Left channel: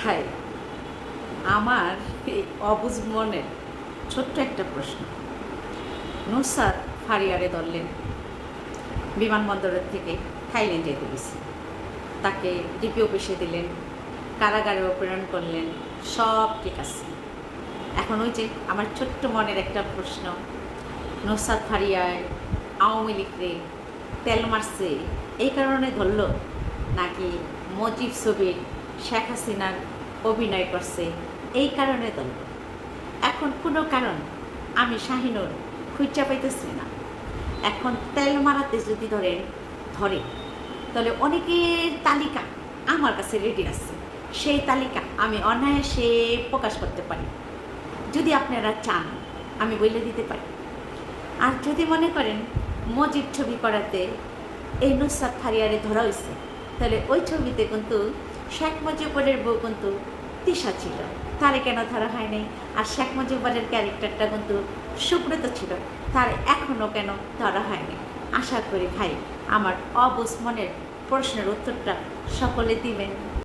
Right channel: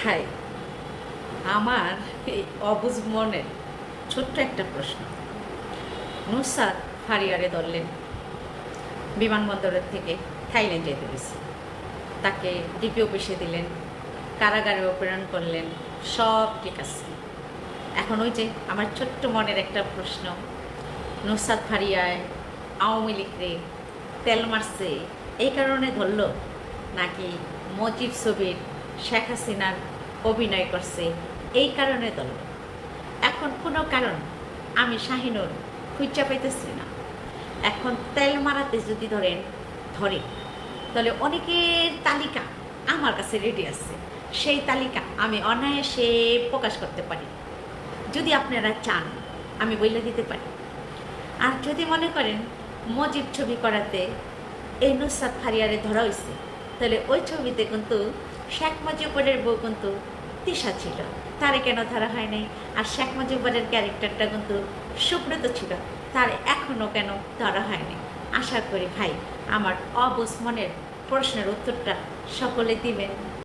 ভাই, আমার এই অবুঝ মনের ছোট্ট একটা প্রশ্ন। নুসরাত ফারিয়ারে ধরলেন, বিমানবন্দরের থেকে থাইল্যান্ডে দিয়েছে, তাকে ডিপি অফিসে দিলেন, কারাগারে প্রেরণ করলেন, সব ঠিক আছে। এখন ওই যে আমার ছোট্ট মনের একটা প্রশ্ন, নুসরাত ফারিয়ায় আওয়ামী লীগরে তেল মারছে এই কারণে ধরল, নাকি মুজিব ছবির শেখ হাসিনার অভিনয় করছে এই কারণে ধরল? এখন কোনো কারণ আমি শাহিনুর খুঁজা পাইতেছি না। এখন তেল মারাতে যদি ধরে তাহলে অনেকের তালিকা আমার কাছে রেডি আছে, সেই তালিকা আমি অনায়াসে প্রকাশ করতে পারি। যদি আপনারা চান আমি বলে দিতে পারি। আর যদি মনে করেন মুজিব ছবি করাতে এই নুসরাত ফারিয়ারে ধরা হয়েছে, তাহলে ওই ছবিতে কিন্তু শেখ মুজিবুরের বউ কিন্তু তিশা ছিল, তারে কেন ধরা হয়নি? আর শেখ মুজিবুরের ক্যারেক্টারটা কিন্তু সুব্রত ছিল, তার এখনও কেন ধরা হয়নি? আশা করি ভাই আমার অবুঝ মনের প্রশ্নের উত্তরটা সকলে দিবেন।